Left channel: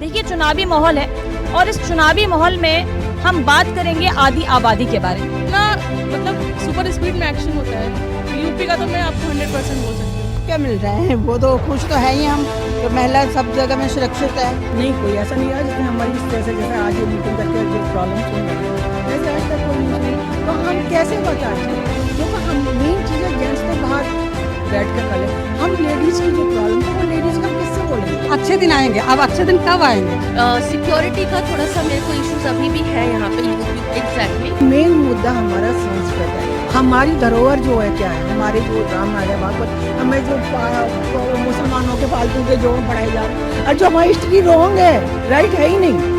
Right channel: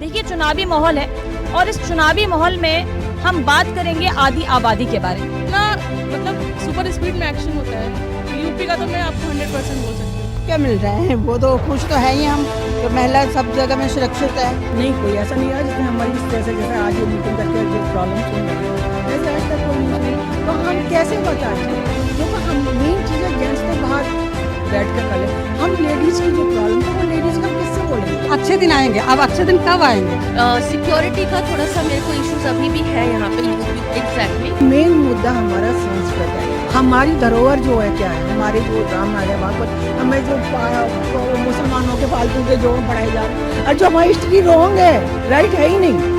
देखिए, चुनावी माहौल है और इस चुनावी माहौल में हम बात करेंगे आदि आबादी के बारे में। ना मतलब सुपर स्पीड में एक्शन होता है यूपी का, तो मैं आपको 100% बोल सकती हूँ। क्या मिल रहा है, वो तो खुश तो है ही हम, तो महिला सब जगह में सुरक्षित है। नहीं, कोई ऐसा नहीं है जिसमें हमारी इस तरह से जैसे आज ये मीटिंग करके जो प्रॉब्लम सुन रहे हैं वैसे आज तक कोई नहीं। तो हम कैसे बताएं, क्योंकि हम मेन चीज़ है जेंट्स तो बाहर बैठ कर कर ले, हम लेडीज़ की जो प्रॉब्लम है वो लेडीज़ का किससे बोलेंगे। अच्छे दिन आएंगे, अब अच्छे दिन कब आएंगे? सिक्योरिटी का थोड़ा सा मेरे को इश्यूज अभी भी है यहाँ पे एग्जैक्टली। मेन मुद्दा हमारा संस्कृत है, हमारी धरोहर जो है क्या है, हमारे जो राम नारायण भागवत, हमें जो मुसलमानों के फालतू के जो पढ़ाए जा रहे हैं और जो हमारी हिस्ट्री रॉन्ग है, राइट है ही नहीं।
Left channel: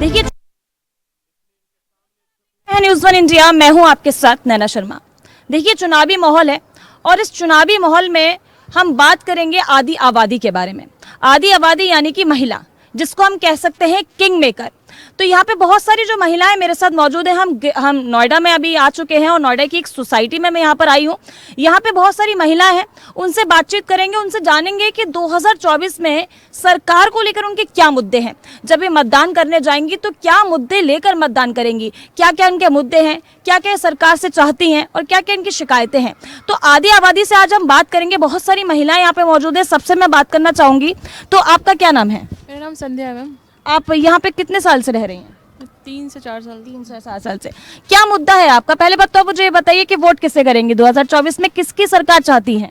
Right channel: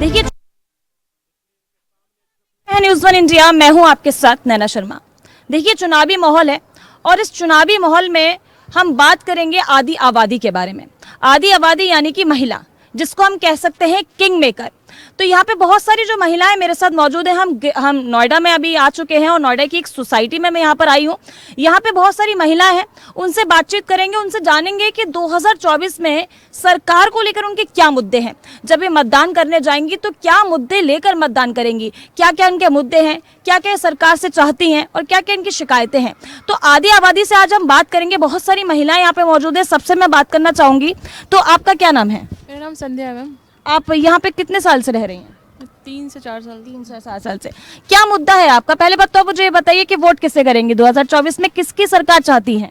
देखिए, न्यूज़ वन इंडिया, मैं हूं आपके साथ नैना शर्मा। देखिए, चुनावी माहौल है और इस चुनावी माहौल में हम बात करेंगे आदि आबादी के बारे में। आदि आबादी यानी कि महिला, जिसको हम कह सकते हैं किंग मेकर। तो यहाँ पे बहुत सारी जो महिलाएं मेरे साथ मौजूद हैं। हम नोएडा में अभी आ चुके हैं और नोएडा की एक सोसाइटी में मैं यहाँ पर आई हूँ। यहाँ पे बहुत सारी महिलाएं हैं, उनसे बातचीत करेंगे, उनसे जानेंगे कि 2024 में सरकार को लेकर उनके क्या मुद्दे हैं। जब ये मतदान करने जाएंगी तो क्या मुद्दे लेकर मतदान करेंगी, क्या क्या इनके मुद्दे हैं, क्या क्या सरकार से चाहती हैं और क्या क्या इनकी शिकायतें हैं। तो आदि आबादी से आज हम बात करेंगे। बहुत सारी महिलाएं यहाँ पे मौजूद है, सबसे मैं बात करना चाहूंगी। तो आपका क्या नाम है? मेरा नाम संध्या है मैम। आप यहाँ पे कितने साल से रह रही हैं? 3 से 4 साल। 3 से 4 साल से। क्या मुद्दा है आपका? पहले बात तो मुझे ये बताइए कि वोट किसे करेंगे 2024 में, किसकी सरकार चाहती है?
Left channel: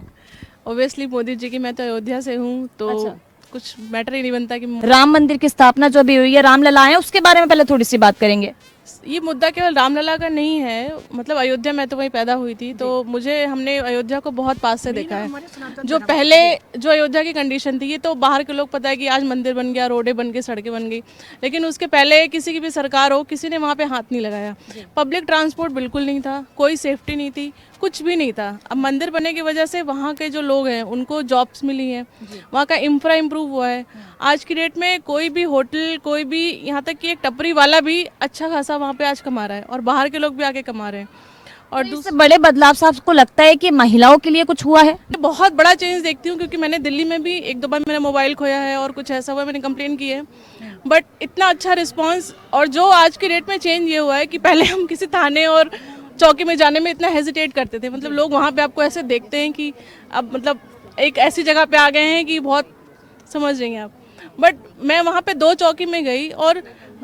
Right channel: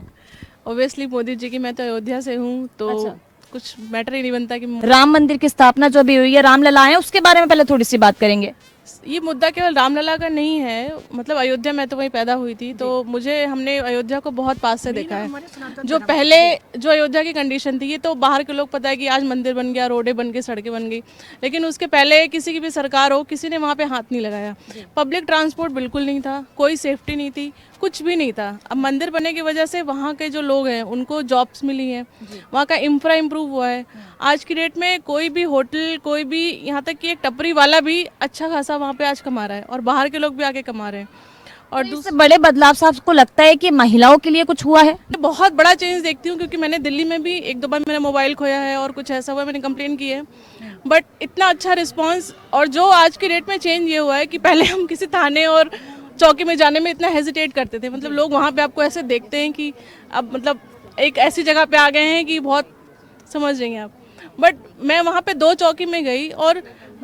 ऑब्वियसली मोदी जी की। मैं तो अयोध्या से हूँ, तो अच्छा। कुछ मैटर ही नहीं बनता कि राम मंदिर की स्थापना जो भी हुई है, रामलला है, उसके बारे में पहले थोड़ी सी बात करेंगे। ये मुद्दा केवल रामलला का नहीं है। मतलब अयोध्या, मैं तो वहीं पैदा हुई थी, तो हमने अयोध्या को बहुत पास से देखा है। जो पहले जो अयोध्या की कंडीशन थी, ये तो बाहर के लोग पता है कि आज मंदिर बन गया, रोडें बन गई, सड़कें बन गई, लेकिन उसके पहले किसी की भी सरकार हो, किसी ने वहाँ पे हाथ नहीं लगाया। पब्लिक ट्रांसपोर्ट बिल्कुल नहीं था, कोई सेफ्टी नहीं थी, कुछ भी नहीं था। अब मंदिर बनने की वजह से वहाँ के जो लोग हैं उनको जॉब्स मिली हैं, वहाँ का इंफ्रा इम्प्रूव हुआ है। आज की डेट में कोई भी होटल, कोई भी, यहाँ तक कि एक टपरी वाला भी अच्छा खासा वहाँ पे आज कमा रहा है और बाहर के लोग भी आके कमा रहे हैं। और इससे बड़े बदलाव से आपको लगता है कि महिलाओं के लिए कुछ हुआ है? बहुत बड़ा चेंज देखती हूँ, क्योंकि मैंने दिल्ली में भी 1-2 बार मेरा मोबाइल खोया है और कुछ ऐसा हुआ, मैंने कंप्लेन की है, बट इतना अच्छा रिस्पॉन्स। और जो आज की डेट में चेंज ये हुआ है कि पहले हम किसी थाने और चौकी में जाने में इतना हेजिटेट करते थे। मतलब लोग वहाँ पे आपको ऐसे देखते हैं कि अब मतलब एक ऐसी जगह पे आ गए हैं कि बहुत, समझ रही हैं आप। बट मैं वहाँ पे 2 चौकी में गई और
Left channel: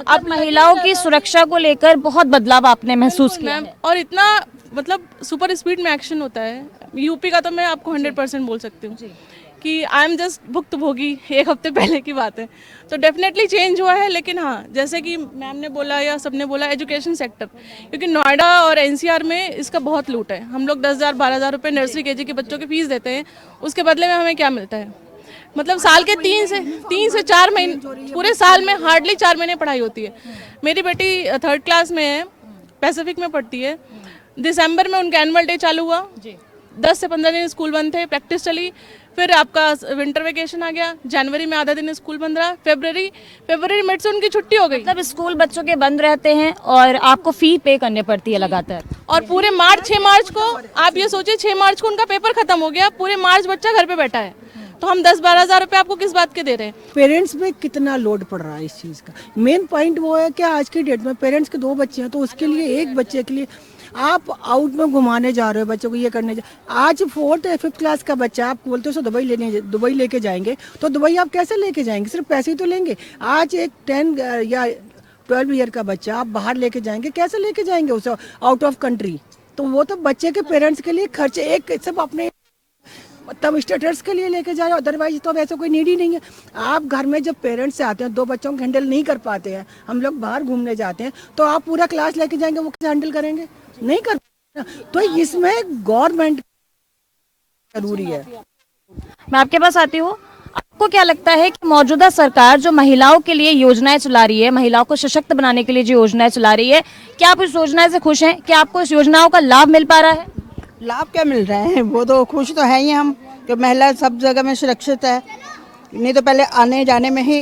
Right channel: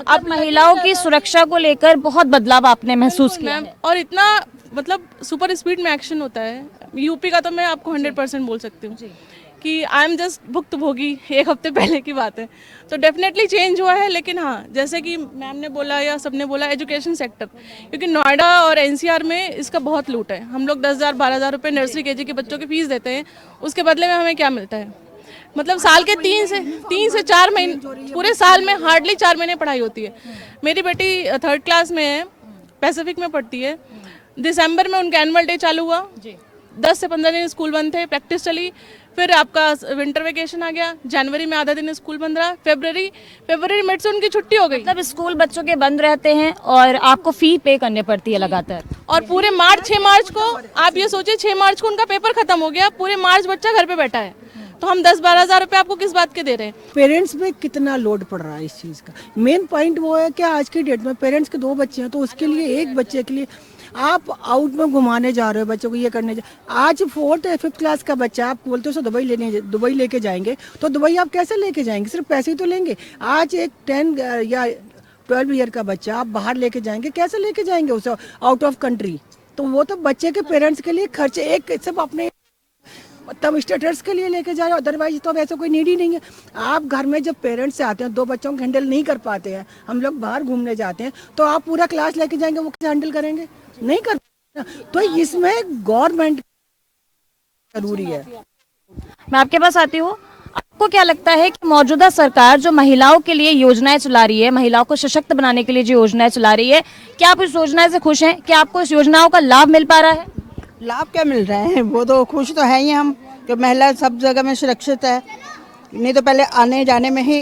अब महिलाओं की सुरक्षा को लेकर बहुत बदलाव आपने महसूस किया है। और इतना मतलब सुपर स्पीड में एक्शन होता है यूपी का, तो मैं आपको 100% बोल सकती हूँ कि आई एम जस्ट भुक्तभोगी। 1 हफ्ते पहले की बात है, तो डेफिनेटली चेंज हुआ है। लेकिन हाँ, जैसे कि मैम ने बोला या सबने बोला, एजुकेशन सेक्टर, क्योंकि नोएडा और एनसीआर में इसका बहुत लूट है। हम लोग 10,000-12,000 रुपये नर्सरी केजी के बच्चों की फीस देते हैं, उसके बदले में हमें क्या मिलता है? मतलब साल के 3 से 4 महीने, पूरे साल में हार्डली 4 महीने पढ़ाई होती है। मेरी बेटी 3rd क्लास में है, पैसिफिक में पढ़ती है। दिसंबर में उनका एनुअल डे चालू हुआ, 10 से 15 दिन स्कूल बंद थे, प्रैक्टिस चली, फिर आपका विंटर वेकेशन आ गया, जनवरी में आधा दिन स्कूल बंद रहा, फरवरी मिड से उनकी छुट्टी हो गई। मतलब स्कूल बच्चों के बंद रहते हैं और आपको फी पे करनी पड़ती है लगातार। और पूरे 6 मार्च को आप ये सोचिए, 6 मार्च को उनका पेपर खत्म हो गया, पूरे मार्च बच्चा घर पे बैठा है, तो हम 10-12 हज़ार रुपये आपको किस बात के दे रहे हैं? पेरेंट्स में कितना लोड पड़ रहा है इस चीज़ का। मेन पॉइंट वो है कि आज की डेट में पेरेंट्स के 2 बच्चे हैं, तो उसके लिए एक बच्चे के लिए आप आउट में घुमाने जा रहे हो बच्चों को, ये करने आज 4th या 5th क्लास का बच्चा आप बोलते हो दुबई लेके जाएंगे, तो दुबई आप कैसे लेके जाएंगे? सिर्फ पैसे ही तो लेंगे। आज एक 10 या 12 ईयर का बच्चा आप बाहर लेके जाएंगे, कैसे लेके जाएंगे उसे आउट ऑफ कंट्री? तो वो तो बच्चे के पेरेंट्स के लिए खर्चे एक सिर्फ अपने तब स्टेटस के लिए लेके जा रहे हो, अदरवाइज तो वैसे कोई नीड ही नहीं है। आप घर में जब पेरेंट्स से आते हैं, 2 बच्चों को हैंडल नहीं कर पाते हैं, हम लोग बाहर घूमने जाते हैं, तो आप पूरा क्लास लेके जाएंगे, वो कैसे हैंडल करेंगे? नहीं कर। तो इसमें गवर्नमेंट जरूरी है। मैं आपके पास आती हूँ। आपको क्या लगता है कि मौजूदा सरकार जो महिलाओं के लिए योजनाएं चला रही है, महिलाओं को सशक्त बनाने के लिए जो योजनाएं चला रही है, क्या आप इस योजना से खुश हैं? क्या आपको इस योजनाओं का लाभ मिल पा रहा है? लाभ क्या मिल रहे हैं, वो तो खुश तो है ही हम, कि महिला सब जगह में सुरक्षित है। नहीं तो पहले आने जाने में ही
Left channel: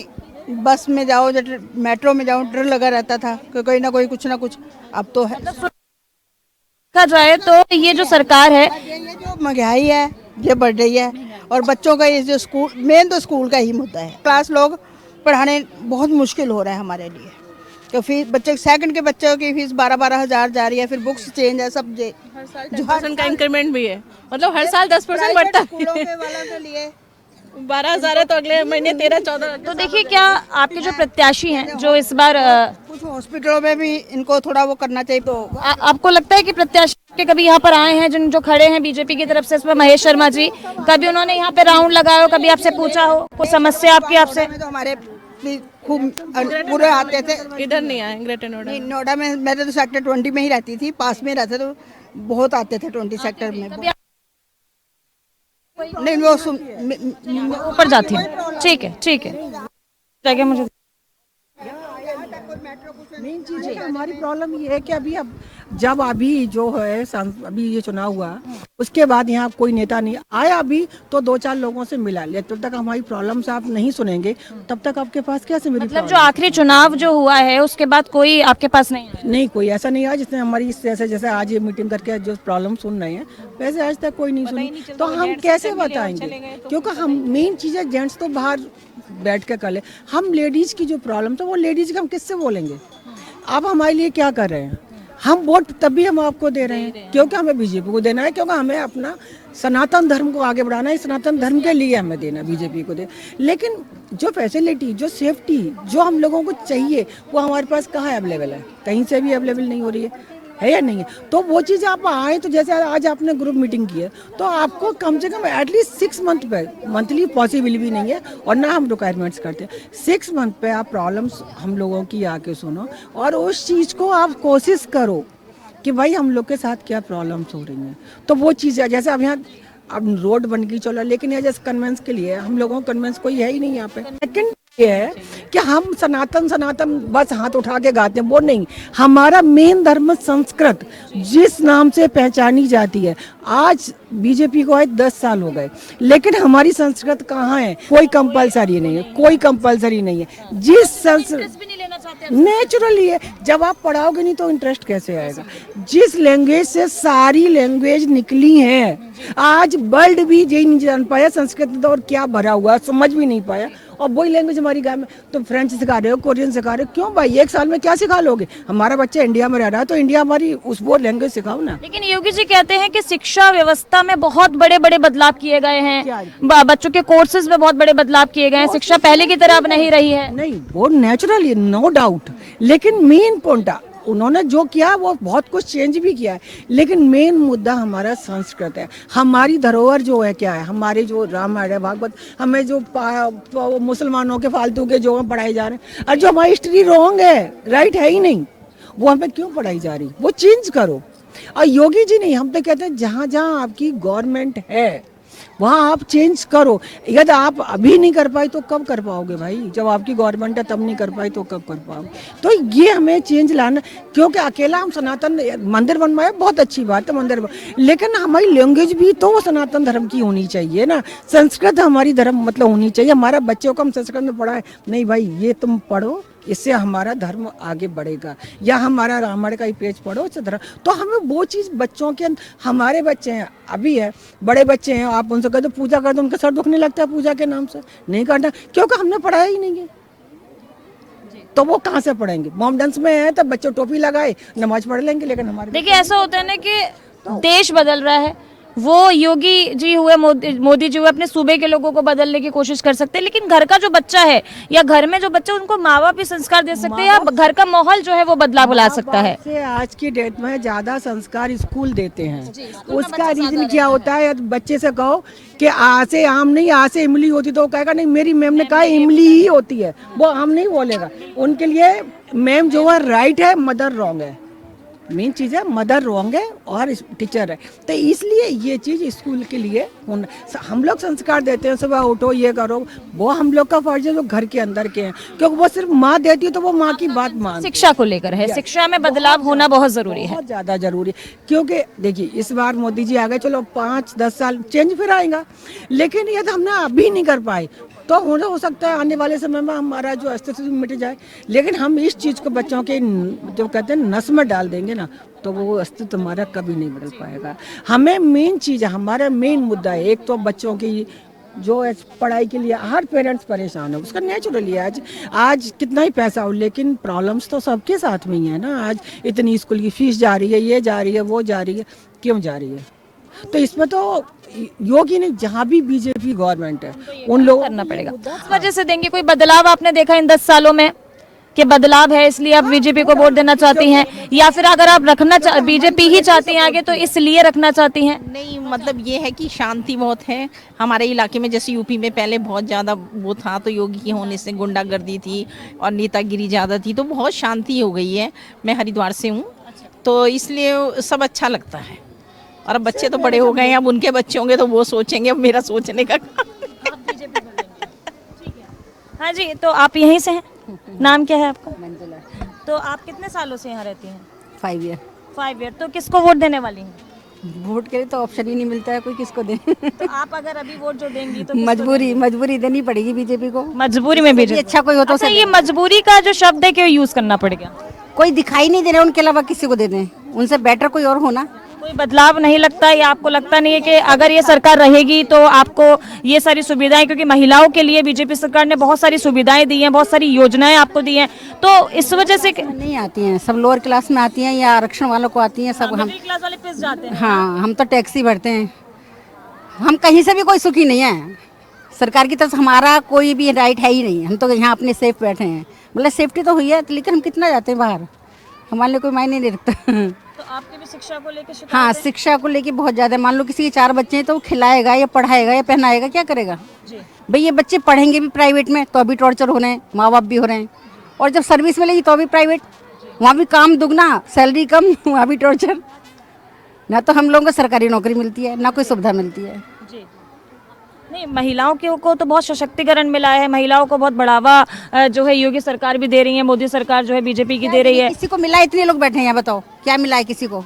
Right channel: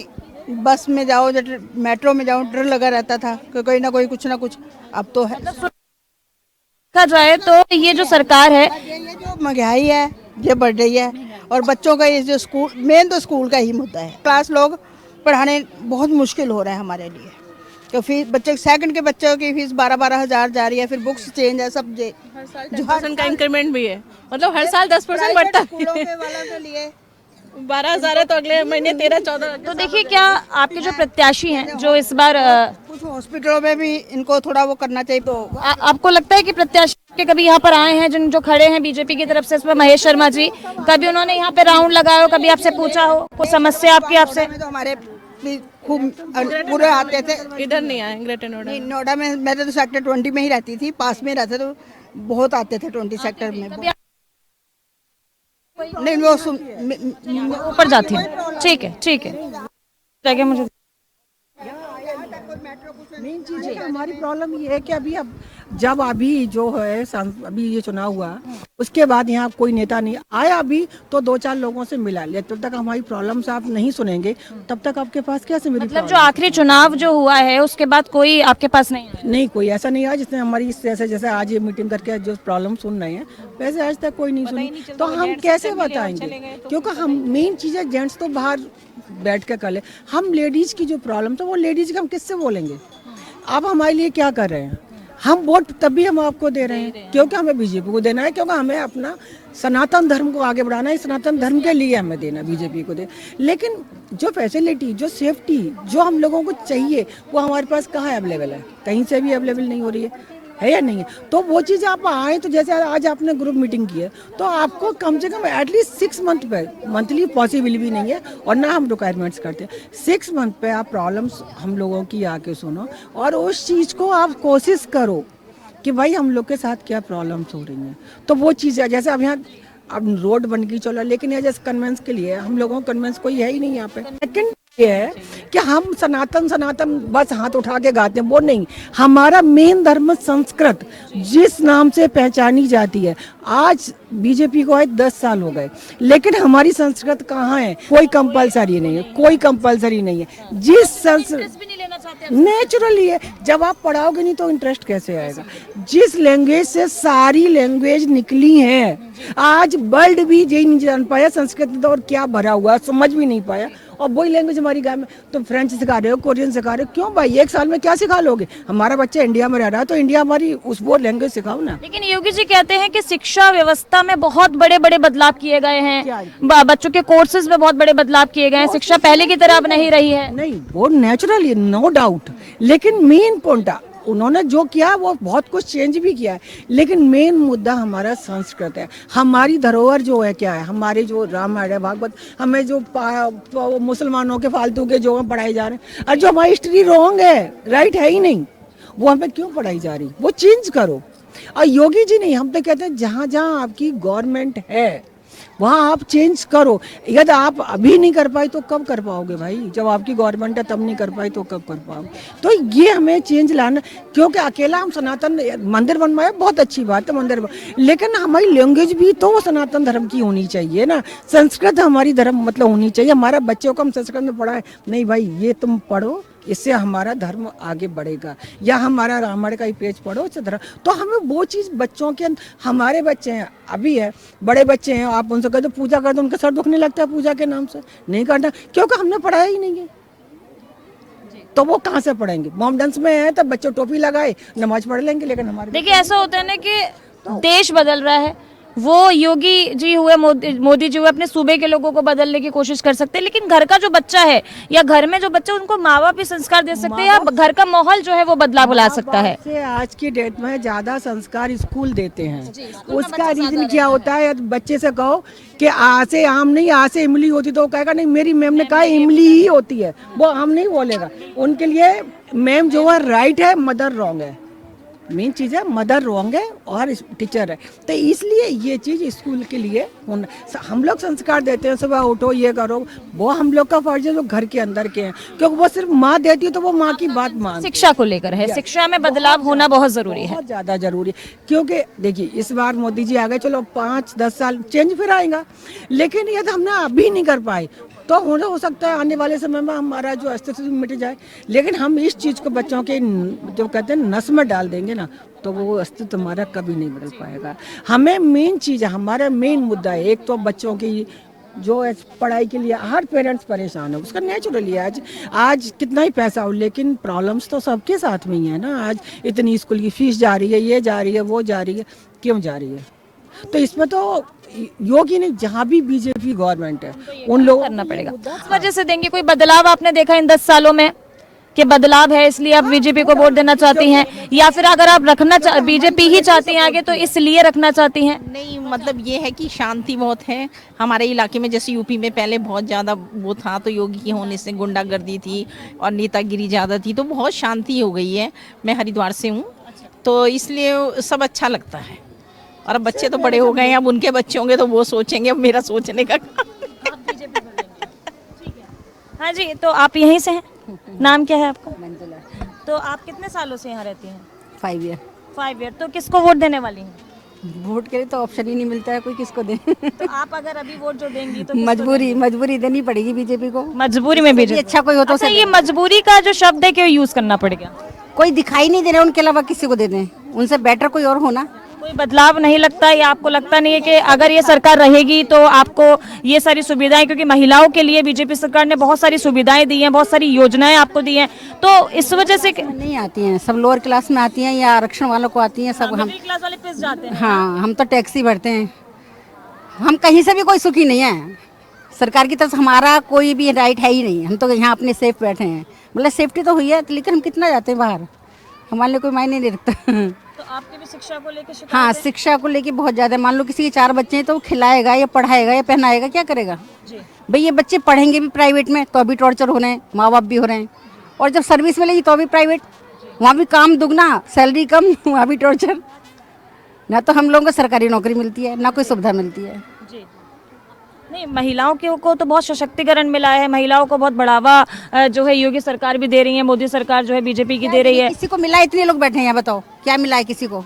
बस में जाओ, मेट्रो में जाओ, डर लगा रहता था कि कोई ना कोई कुछ ना कुछ। अब तो है, देखा जाए तो ये जो सरकार है, ये जो महंगाई है, ये बढ़ रही है। और बच्चों का ये जो स्कूल, मेन तो स्कूल का ही मुद्दा है। क्लास लोग पढ़ाने बहुत मुश्किल हो रहा है हमारे लिए, तो फीस बच्चे सेकंड के बच्चों की फीस 12-12 हज़ार जा रही है, फिर बुक्स चेंज है सब। जो 10% का इंक्रीमेंट भी है, मतलब हर साल 10% बढ़ता स्कूलों है। के वालों के लिए 12,000 है तो अगले महीने 13-14। तो देखिए, क्या आपके जो प्रत्याशी हैं जो इस बार कुछ हॉस्पिटलों में भी इनको थोड़ा वो करना चाहिए। तो आपको लगता है कि प्रत्याशी के कभी यहाँ पर आए हैं जो खड़े हैं बीजेपी की तरफ से, इसमें महेश शर्मा जी, कभी उन्होंने यहाँ पे राउंड लगाया हो, कभी आपसे पूछा हो कोई समस्या आपकी आपसे? तो हमारे खूब पूरे आते थे। इधर नहीं आए ग्रेटर नोएडा। नहीं, नोएडा में मैं तो सेक्टर 20 में ही रहती थी, पास में रहते, तो बहुत आते थे 20 सेक्टर में। नहीं, वो ऊपर जाती हूँ, ठीक है ठीक है, जगह मुझे मेन चीज है कि हमारी प्रॉब्लम ये है कि जब अभी जो है अभी ये चुनाव हुआ, उसके बाद यहाँ कोई नेता नहीं आया, अभी तो 2-4 लोगों से मिला ले। तब तक हमारी प्रॉब्लम्स आप नहीं सुनेंगे, तब तक आपके पास कैसे मेरी मतलब जो आखिरी चुनाव जो हुआ है उसके बाद कोई आपके पास नहीं आया? नहीं, कोई ऐसा नहीं आया जिसने हमारी जैसे आज ये मीटिंग करके जो प्रॉब्लम सुन रहे हैं, वैसे आज तक कोई नहीं सुनी। तो हम कैसे बताएंगे? क्योंकि हम मेन चीज है, जेंट्स तो बाहर बैठ के कर ले, हम लेडीज की जो प्रॉब्लम, तो वो लेडीज की हम किससे बोलेंगे? आप हमारे लिए क्या कर रहे हैं? हम वोट तभी हम आपको दे रहे हैं क्योंकि हमें बीजेपी को देना है, क्योंकि हमें अपना सनातन धर्म को आगे बढ़ाना है। सनातन धर्म के लिए हमें देना, बीजेपी को दे। लेकिन जो फैसिलिटी, जो सेफ्टी, जो हम लोगों को चाहिए, वो हमारे पास कहाँ अवेलेबल है? कहीं से भी अवेलेबल नहीं हो रही है या नहीं है? तो वो चीज़ आप आए, तो जैसे आज आपने ग्रुप मीटिंग की है, तो आपको कम से कम एटलीस्ट 6 मंथ पे, मंथली पॉसिबल भी नहीं है और ना हम रिक्वायरमेंट्स करते हैं, 6 मंथ पे आप प्रॉब्लम्स हम लोगों की आके सुनो और उस चीज़ को आप कोशिश करो कि भाई हम लोग के साथ क्या प्रॉब्लम्स हो रही हैं। तो वो चीज़ है, जैसे अब यहाँ अब रोड बन गई चलो, लेकिन ये जैसे कन्वेंस के लिए हम लोगों को कन्वेंस कोई है ही नहीं यहाँ पे। सेकंड ये है कि हम सनातन बस हाथ उठा के गाते हैं, वो नहीं। हमारा मेन धर्म संस्कृत जिस नाम से पहचानी जाती है, आज बीजेपी को आज 10 साल हो गए, लेकिन हमारी संस्कृत कहाँ है? कोई कंपलसरी नहीं है, कोई कंपलसरी नहीं है। जिस संस्कृत नेचुरली है, जब आप पढ़ाओगे नहीं तो इंटरेस्ट कैसे आएगा? जिस लैंग्वेज से सारी लैंग्वेज निकली है, आज वर्ल्ड भी यही नहीं जान पाया संस्कृत में और क्या भरा हुआ, समझ भी नहीं पाया। और वही लैंग्वेज हमारी गाँव में तो फ्रेंच सिखा रहे हो, कोरियन सिखा रहे हो, क्यों भाई? 1 साल में क्या सिखा लोगे? हमारा बच्चा इंडिया में रह रहा है तो इंडिया हमारी उस वो लैंग्वेज सिखाओ ना। लेकिन योगी जी कहते हैं कि शिक्षा व्यवस्था में बहुत बड़े बड़े बदलाव किए गए हैं, बच्चों के कोर्सेज में बहुत बड़े बदलाव किए गए हैं, शिक्षा पहले की तरह अब नहीं रही है। नहीं, वो नेचुरली नो डाउट, लेकिन मेन पॉइंट उन्होंने जो किया वो बहुत कुछ चेंज भी किया है, लेकिन मेन मुद्दा हमारा संस्कृत है। हमारी धरोहर जो है क्या है? हमारे जो रामायण है, भागवत, हमें जो मुसलमानों के फालतू के जो पढ़ाए जा रहे हैं, और जो हमारी हिस्ट्री रॉन्ग है, राइट है ही नहीं, वो हमें क्यों पढ़ाई जा रही? वो चेंज करो। और योगी जी नहीं, हम तो कहते हैं जहाँ जहाँ आपकी गवर्नमेंट है वहाँ आप चेंज करो। यदि आप अभी नहीं कर पाए तो कब कर पाओगे भाई? जब आपकी गवर्नमेंट है तब नहीं कर पाई तो कब कर पाओगे? तो ये हमें चेंज लाना, क्योंकि अकेला हम सनातन मंदिर बनवाए, बहुत अच्छी बात है मंदिर, लेकिन हमारी लैंग्वेज भी तो सनातन धर्म की होनी चाहिए ना। संस्कृत हमारी धर्म मतलब होनी चाहिए। हमारा बच्चों को हम संस्कृत में पढ़ाए, नहीं भाई ये तुम पढ़ो, इससे हमारा धर्म आगे बढ़ेगा, या हमारा रामायण का ही पेज पढ़ो धर्म। तो हमें वो चीज़ बच्चों के, हमारे बच्चे हैं अभी है, बड़े बच्चे हैं, आप उनसे कहते पूजा कर दो, उनका सर दुखने लगता है पूजा के नाम से, नहीं करना, क्योंकि हमने पढ़ाया ही नहीं है। तो वो कहाँ से पढ़ेंगे? मॉम डांस में है तब बच्चों टोपी लगाए नमाज पढ़ लेंगे, लेकिन हमारे देखिए ऐसा होता है ना कि देश बदल रहा है, वो योगी जी हुए, मोदी जी हुए, अपने सूबे के लोगों को बदलने की कोशिश कर सकते हैं, लेकिन घर का जो बच्चा है या घर में जो बच्चा, उनको माँ बाप ही संस्कार दे सकते हैं, या घर का माहौल जो है वो बदलाव ला सकता है। से आज की डेट में ज्यादा संस्कार स्कूल देते हैं। उसका रीजन क्या होता है? बच्चे से कहो कि आ से आम नहीं, आ से इमली होती, तो वो कहेगा नहीं मेरी मैम ने कहा इमली ही होती है, वो आम नहीं बोलेगा। उनके लिए मैम जो है राइट है, मदर रॉन्ग है। मेन चीज़ है मदर रॉन्ग है और टीचर है। तो इसलिए ये चीज़ स्कूल के लिए होना, हम लोग संस्कार देते हैं, सुबह उठो ये करो, वो हम लोग का फर्ज है जो घर के अंदर के हैं, क्योंकि वो सिर्फ माँ देती है तो वो माँ की बात मान। शिक्षा को लेकर है, शिक्षा में बदलाव होना बहुत जरूरी है, बहुत ज़्यादा जरूरी है। क्योंकि देखिए इस बार मोदी जी आ गए, चलो 5-10 साल चेंज फिर आएगा, लेकिन यदि हमने अभी नहीं कर पाए, तो हो सकता है आने वाले समय में हमारा जो अस्तित्व मिट जाए, लेकिन हम इस चीज़ को बच्चों के जो कहते हैं नस में डाल देंगे ना, तो वो अस्तित्व हमारा कभी नहीं बदल पाएगा। हमें मेन चीज़ है, हमारा मेन मुद्दा है, एक तो बच्चों की जो है पढ़ाई के लिए हर पेरेंट्स परेशान है, उसका नेचुरली है। आज कितना ही पैसा हो, लेकिन प्रॉब्लम्स तो सबके साथ में ही है ना। आज इतनी स्कूल की फीस जा रही है, ये जा रही है, वो जा रही है, क्यों जा रही है? तो इसमें तो योगी नहीं, जहाँ भी बीजेपी गवर्नमेंट है उन लोगों करना पड़ेगा। इस वजह से देंगे कोई बदलाव आपने देखा इन 10 सालों में कि बदलाव है इसलिए आप बीजेपी को वोट देना चाहती हैं, या फिर अगर आप रखना बीजेपी ही चाहती हैं आगे तो इसलिए रखना चाहती हैं? नहीं, मतलब ये है कि शांति बहुत है हमारे इलाके में। जैसे यूपी में पहले बहुत ज़्यादा वो था, तो योगी के होने से गुंडागर्दी थी और नेतागिरी ज़्यादा थी, तो बहुत शांति हो गई है। मैं हरिद्वार से हूँ, तो इसलिए सब अच्छा लगता है। और अब बच्चे तो बड़े हो गए हैं, अब उनके बच्चे होंगे तो वो सोचेंगे, अब मेरा सोचने का हाँ जी, तो आप यहीं से हैं? नाम क्या है आपका? तो आप कितने सालों से यहाँ रहती हैं? 5 ईयर। 5 ईयर। तो किसको वोट देने वाली हैं? वोट के लिए तो ऑप्शन ही नहीं मिलता है, कोई किसको दे। तो आप अगर अभी वोट जो देंगी तो किसको मजबूरी देनी पड़ेगी बीजेपी को। मजबूरी में बीजेपी। अच्छा कोई हो तो अच्छा, ये मजबूरी का जो शब्द है क्यों यूज करना पड़ेगा? कोई दिखाई नहीं दे रहा, उनके अलावा किसी को दे दें, उनसे बेटर कोई और होना। कोई बदलाव नहीं लगता, या आपको लगता नहीं है कि अगर ये सरकार रहेगी तो आपको ये सारी सुविधाएं, क्योंकि महिलाओं के लिए बीजेपी सरकार ने बहुत सारी सुविधाएं दी हैं, बहुत सारी योजनाएं आपको दी हैं, तो इस वजह से नहीं आती हैं, सब लोअर क्लास में आती हैं या आरक्षण वालों को आती हैं, सब हम मिडिल क्लास वाले पिस जाते हैं। हाँ, हम तो टैक्सी भरते हैं, हम कहीं से भी कोई सुखी नहीं है। सरकार की तरफ से हमारा कोई भी राइट है ही नहीं, हम तो यहाँ अपने सेफ बैठे हैं। मतलब सेफ्टी तो हुई है, लेकिन हम कितना जाते हैं बाहर, हमारे लिए कोई मायने नहीं रखता। तो आपके भी शिक्षा को लेकर हाँ, शिक्षा को लेके बहुत ज्यादा। मान लो किसी के 4 बच्चे हैं तो वो खिलाएगा या पढ़ाएगा या पहनाएगा, क्या करेगा भाई? ये बच्चे पढ़ेंगे भी प्राइवेट में तो अभी टॉर्चर हो रहे हैं, माँ बाप भी हो रहे हैं, और जब सर्विस मिलेगी तो अभी प्राइवेट, वहाँ भी काम दुगना, सैलरी कम, वहाँ भी टॉर्चर। ना तो हम लोगों को सरकारी नौकरी मिलती है, ना कोई सुविधा मिलती है। नहीं, महिलाओं को तो बहुत सशक्तिकरण मिला है, महिलाओं को बहुत बढ़ावा जो है योगी सरकार भी दे रही है, मोदी सरकार जो है बीजेपी की दे रही है। किसी को मिला? इतने लोग बैठे हैं यहाँ, बताओ क्या मिला है किसी को?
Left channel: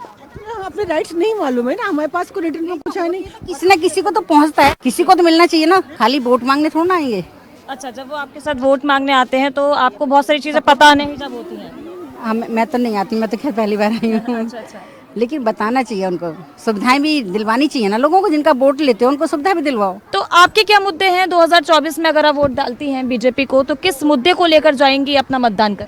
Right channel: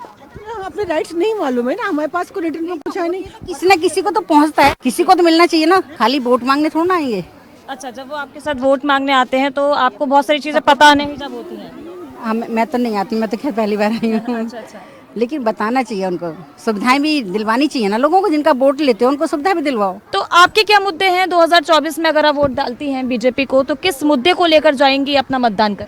अपने राइट्स नहीं मालूम है ना, हमारे पास कोई रिटर्न में कुछ है नहीं। किसी न किसी को तो पहुँचता है, किसी को तो मिलना चाहिए ना, खाली वोट मांगने थोड़ा ना आएंगे। अच्छा, जब वो आपके साथ वोट मांगने आते हैं तो आपको बहुत सारी चीजें पता नहीं जब होती हैं? मैं तो नहीं आती, मैं तो खैर पहली बार आई हूँ। अच्छा। लेकिन बताना चाहिए उनको, सुविधाएं भी दिलवानी चाहिए ना लोगों को, जिनका वोट लेते हैं उनको सुविधा भी दिलवाओ। तो आपके क्या मुद्दे हैं 2024 में अगर आप वोट डालती हैं बीजेपी को, तो किस मुद्दे को लेकर जाएंगी अपना मतदान कर?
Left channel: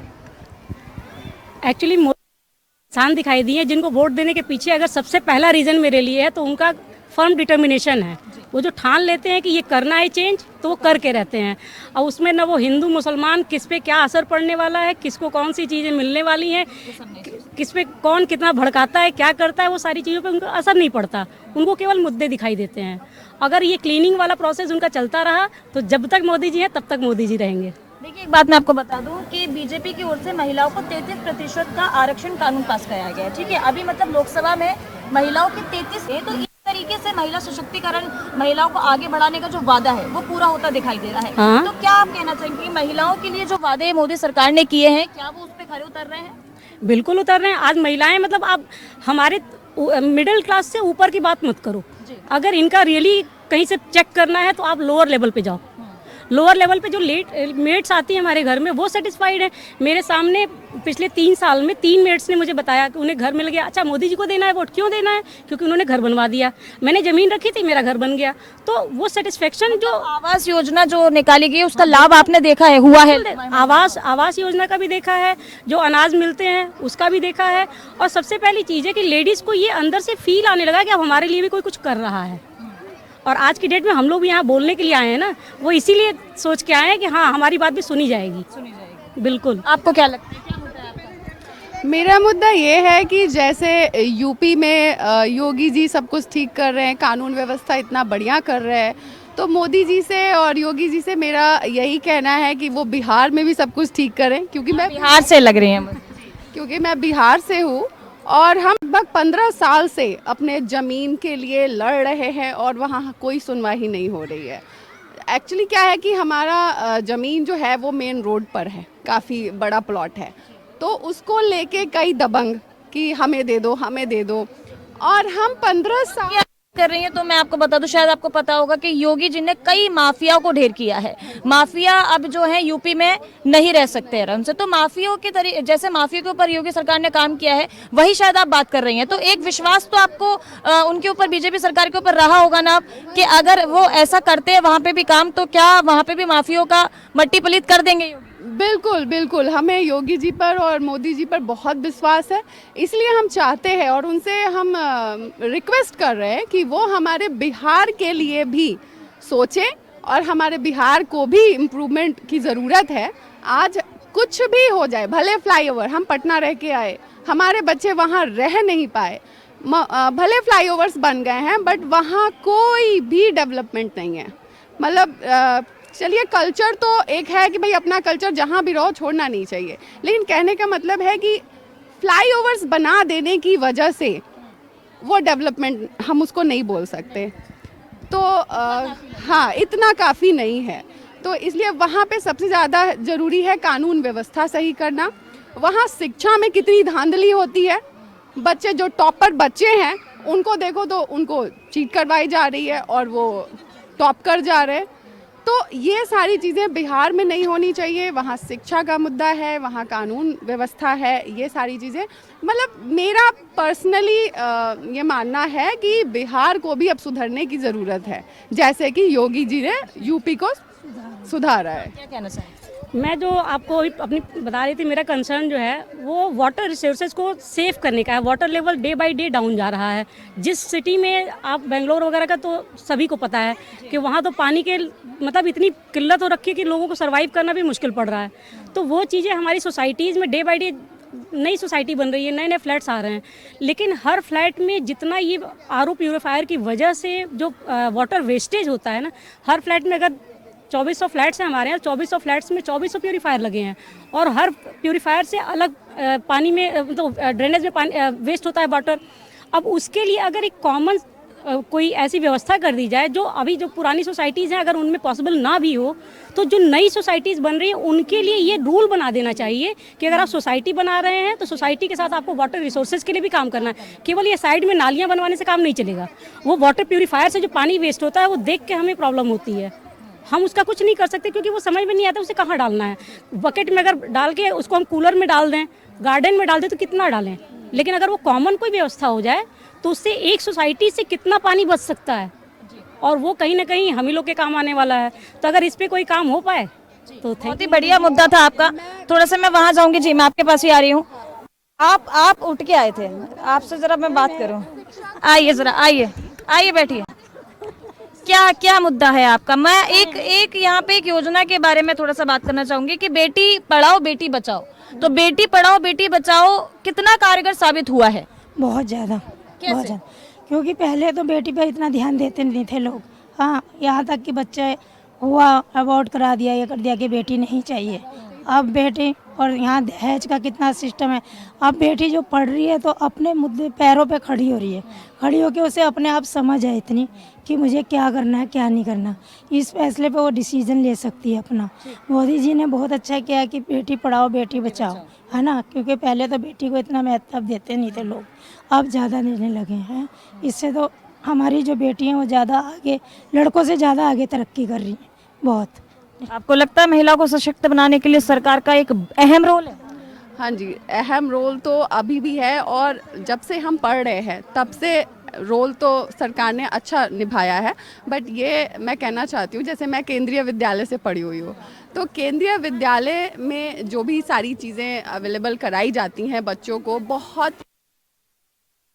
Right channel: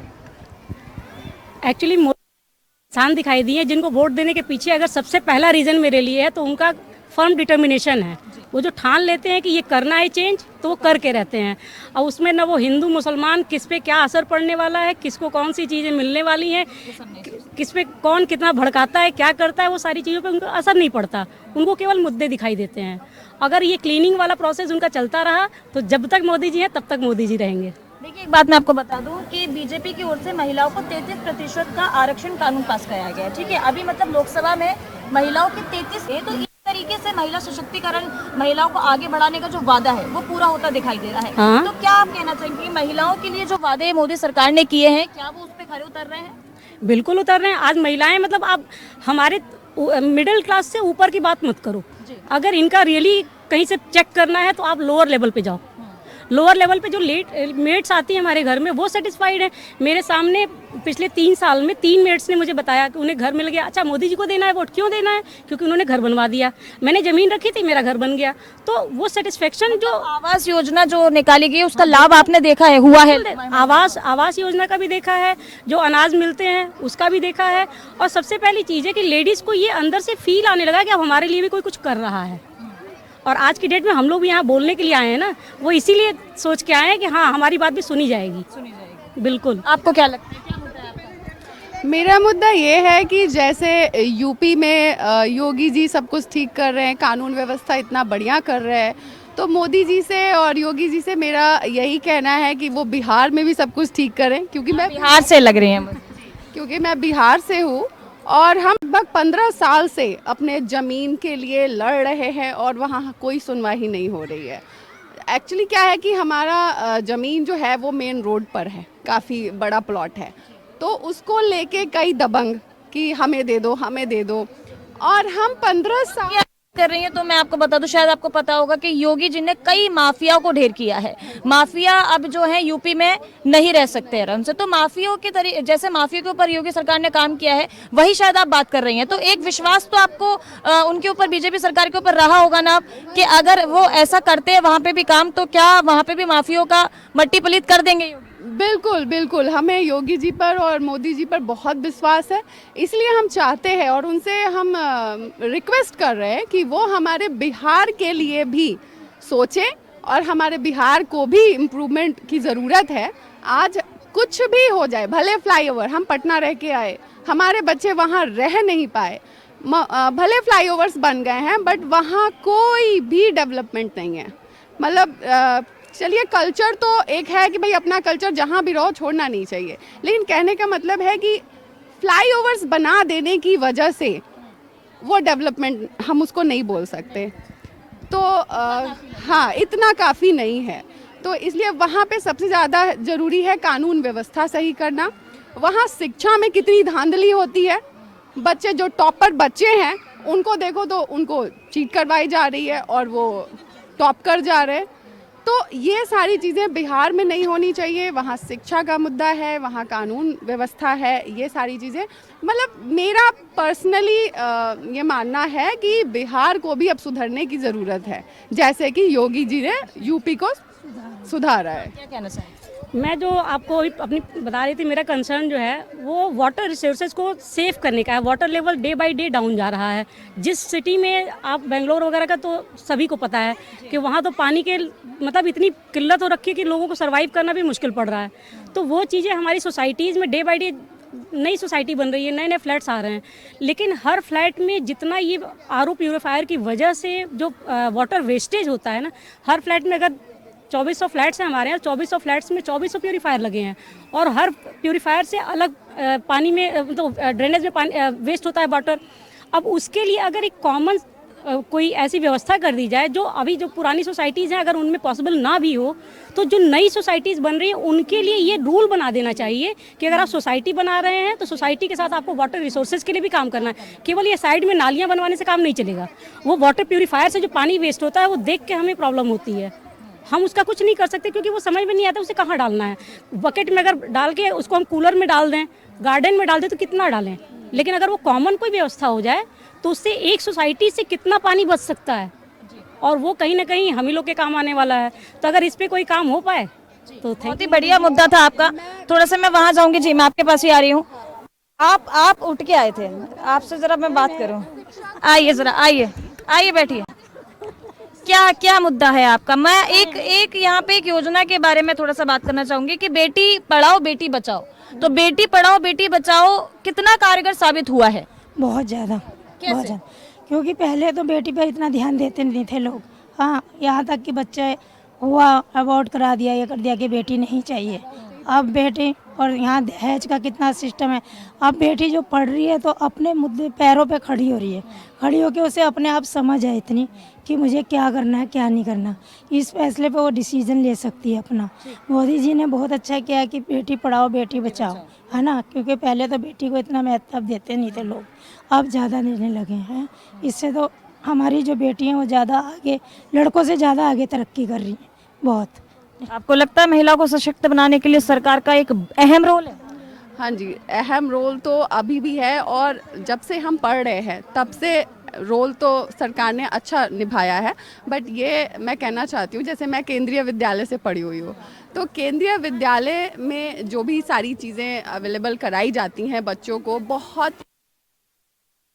एक्चुअली इंसान दिखाई दिए जिनको वोट देने के पीछे अगर सबसे पहला रीजन मेरे लिए है तो उनका फर्म डिटर्मिनेशन है। वो जो ठान लेते हैं कि ये करना है चेंज, तो वो करके रहते हैं। और उसमें ना वो हिंदू मुसलमान किस पे क्या असर पड़ने वाला है, किसको कौन सी चीज़ें मिलने वाली हैं, किस पे कौन कितना भड़काता है, क्या करता है, वो सारी चीज़ों पे उनको असर नहीं पड़ता। उनको केवल मुद्दे दिखाई देते हैं। अगर ये क्लीनिंग वाला प्रोसेस उनका चलता रहा तो जब तक मोदी जी है तब तक मोदी जी रहेंगे। देखिए, एक बात मैं आपको बता दूं कि बीजेपी की ओर से महिलाओं को 33% का आरक्षण कानून पास कराया गया है। ठीक है, अभी मतलब लोकसभा में महिलाओं के 33 है, तो इस तरीके से महिला सशक्तिकरण, महिलाओं को आगे बढ़ाने का जो वादा है वो पूरा होता दिखाई दे रहा है। तो क्या आप कहना चाहेंगे महिलाओं के लिए जो वादे मोदी सरकार ने किए हैं, क्या वो उस पर खरे उतर रहे हैं? बिल्कुल उतर रहे हैं। आज महिलाएं, मतलब आप हमारे मिडिल क्लास से ऊपर की बात मत करो, अगर इनका रियली कहीं से चेक करना है तो आप लोअर लेवल पे जाओ। लोअर लेवल पे जो मेट्स आती है हमारे घर में वो सेटिस्फाइड है। मेरे सामने पिछले 3 साल में 3 मेट्स ने मुझे बताया कि उन्हें घर मिल गया। अच्छा, मोदी जी को देना है वोट, क्यों देना है? क्योंकि उन्होंने घर बनवा दिया। मैंने जमीन रखी थी, मेरा घर बन गया। तो वो सेटिस्फेक्शन, जो आवास योजना जो निकाली गई उसका लाभ आपने देखा है, हुआ है? आवास योजना का भी देखा है, जो अनाज मिलते हैं उसका भी देखा है। और सबसे पहली चीज़ है कि लेडीज़ को ये अंदर से फील आने लगा कि अब हमारे लिए भी कोई कुछ कर रहा है। और आज की डेट में हम लोग भी यहाँ बोलने के लिए आए हैं ना, वो इसीलिए सोच के आए हैं कि हाँ, हमारी बात भी सुनी जाएगी। बिल्कुल। आपको क्या लगता है, क्या मुद्दा है आपका? मेरा मुद्दा ये है कि जैसे यूपी में योगी जी सब कुछ ठीक कर रहे हैं, कानून व्यवस्था इतना बढ़िया कर रहे हैं, तो मोदी जी से और योगी जी से मेरा यही कहना है कि वो बिहार में भी सब कुछ ठीक करें, क्योंकि मैं बिहार से लग रही हैं। क्योंकि मैं बिहार से हूँ और हम लगभग 15 साल से अपने ज़मीन के लिए लड़ रहे हैं और वहाँ कोई सुनवाई नहीं हो रही है। एक्चुअली क्या है कि हमारा ज़मीन जो है वो मेन रोड पर है, काफ़ी बड़ा प्लॉट है, तो उसको लेके कई दबंग कि हमें दे दो, हमें दे दो, और हम 15 साल कर रही हैं तो मैं आपको बता दूं, शायद आपको पता होगा कि योगी जी ने कई माफियाओं को ढेर किया है। माफिया अब जो है यूपी में नहीं रह सकते आराम से, तो माफियाओं के जैसे माफिया के ऊपर योगी सरकार ने काम किया है, वही शायद आप बात कर रही हैं। तो एक विश्वास तो आपको उनके ऊपर, बीजेपी सरकार के ऊपर रहा होगा ना, कि अगर वो ऐसा करते हैं वहां पे भी काम, तो क्या वहां पे भी माफियाओं का मट्टी पलीत कर देंगे योगी? बिल्कुल बिल्कुल, हमें योगी जी पर और मोदी जी पर बहुत विश्वास है, इसलिए हम चाहते हैं और उनसे हम रिक्वेस्ट कर रहे हैं कि वो हमारे बिहार के लिए भी सोचें और हमारे बिहार को भी इम्प्रूवमेंट की ज़रूरत है। आज कुछ भी हो जाए, भले फ्लाईओवर, हम पटना रह के आए, हमारे बच्चे वहाँ रह नहीं पाए, भले फ्लाईओवर्स बन गए हैं बट वहाँ कोई भी डेवलपमेंट नहीं है। मतलब चलिए, कल्चर तो एक है कि भाई अपना कल्चर जहाँ भी रहो छोड़ना नहीं चाहिए, लेकिन कहने का मतलब है कि फ्लाईओवर्स बना देने की वजह से वो डेवलपमेंट हम उसको नहीं बोल सकते। तो हाँ, इतना काफ़ी नहीं है। तो इसलिए वहाँ पे सबसे ज़्यादा ज़रूरी है कानून व्यवस्था सही करना। वहाँ शिक्षा में कितनी धांधली होती है, बच्चे जो टॉपर बच्चे हैं उनको देखो तो उनको चीट करवाई जा रही है और वो टॉप कर जा रहे हैं। तो ये सारी चीज़ें बिहार में नहीं होनी चाहिए। वहाँ शिक्षा का मुद्दा है, वहाँ कानून व्यवस्था है, ये सारी चीज़ें, मतलब मेरा पर्सनली ये मानना है कि बिहार को भी अब सुधरने की ज़रूरत है, जैसे कि योगी जी ने यूपी को सुधारा है। क्या कहना चाहिए? मैं जो आपको अभी अपनी बता रही थी, मेरा कंसर्न जो है वो वाटर रिसोर्सेज को सेव करने का है। Water level day by day down जा रहा है। जिस सिटी में आप बेंगलोर वगैरह का तो सभी को पता है कि वहाँ तो पानी के मतलब इतनी किल्लत हो रखी है कि लोगों को सर्वाइव करना भी मुश्किल पड़ रहा है। तो वो चीज़ें हमारी सोसाइटीज़ में डे बाय डे, नई सोसाइटी बन रही है, नए नए फ्लैट्स आ रहे हैं, लेकिन हर फ्लैट में जितना ये आरओ प्यूरीफायर की वजह से जो वाटर वेस्टेज होता है ना, हर फ्लैट में अगर 2400 फ्लैट्स हैं हमारे यहाँ, 2400 फ्लैट्स में 2400 प्यूरीफायर लगे हैं और हर प्यूरीफायर से अलग पानी में तो ड्रेनेज में पानी वेस्ट होता है वाटर। अब उसके लिए अगर एक कॉमन कोई ऐसी व्यवस्था कर दी जाए, जो अभी जो पुरानी सोसाइटीज़ हैं अगर उनमें पॉसिबल ना भी हो, तो जो नई सोसाइटीज़ बन रही हैं उनके लिए ये रूल बना देना चाहिए कि अगर आप सोसाइटी बना रहे हैं तो सोसाइटी के साथ आपको वाटर रिसोर्सेज के लिए भी काम करना है। केवल ये साइड में नालियाँ बनवाने से काम नहीं चलेगा। वो वाटर प्यूरीफायर से जो पानी वेस्ट होता है वो देख के हमें प्रॉब्लम होती है, हम उसका कुछ नहीं कर सकते क्योंकि वो समझ में नहीं आता उसे कहाँ डालना है। बकेट में अगर डाल के उसको हम कूलर में डाल दें, गार्डन में डाल दें तो कितना डालें, लेकिन अगर वो कॉमन कोई व्यवस्था हो जाए तो उससे एक सोसाइटी से कितना पानी बच सकता है और वो कहीं ना कहीं हम ही लोग के काम आने वाला है। तो अगर इस पे कोई काम हो पाए तो बहुत ही बढ़िया मुद्दा था आपका। थोड़ा सा मैं वहां जाऊंगी जी, मैं आपके पास ही आ रही हूँ। आप उठ के आए थे, आपसे जरा मैं बात करूँ। आइए जरा, आइए बैठिए। क्या मुद्दा है आपका? मैं एक यहाँ पे एक योजना के बारे में थोड़ा सा बात करना चाहूंगी कि बेटी पढ़ाओ बेटी बचाओ। तो बेटी पढ़ाओ बेटी बचाओ कितना कारगर साबित हुआ है? बहुत ज़्यादा, बहुत ज़्यादा, क्योंकि पहले तो बेटी पर इतना ध्यान देते नहीं थे लोग। हाँ, यहाँ तक कि बच्चे हुआ अवॉर्ड करा दिया, ये कर दिया कि बेटी नहीं चाहिए। अब बेटी, और यहाँ दहेज का कितना सिस्टम है। अब बेटी जो पढ़ रही है तो अपने मुद्दे पैरों पे खड़ी हो रही है, खड़ी होकर उसे अपने आप समझ है इतनी कि मुझे क्या करना है क्या नहीं करना, इस फैसले पे वो डिसीजन ले सकती है अपना। मोदी जी ने बहुत अच्छा किया कि बेटी पढ़ाओ बेटी बचाओ, है ना, क्योंकि पहले तो बेटी को इतना महत्व देते नहीं थे लोग, अब ज़्यादा देने लगे हैं। इससे तो हमारी जो बेटी हैं वो ज़्यादा आगे, लड़कों से ज़्यादा आगे तरक्की कर रही हैं बहुत। आपको लगता है महिला को सशक्त बनाने के लिए सरकार का एक अहम रोल है? हाँ जी, अहम रोल तो अभी भी है और जब से हम पढ़ रहे हैं तब से रोल तो सरकार ने अच्छा निभाया है। बट ये मैं कहना चाहती हूँ, जैसे मैं केंद्रीय विद्यालय से पढ़ी हुई हूँ, तो केंद्रीय विद्यालय में जो भी सारी चीज़ें अवेलेबल कराई जाती हैं बच्चों को,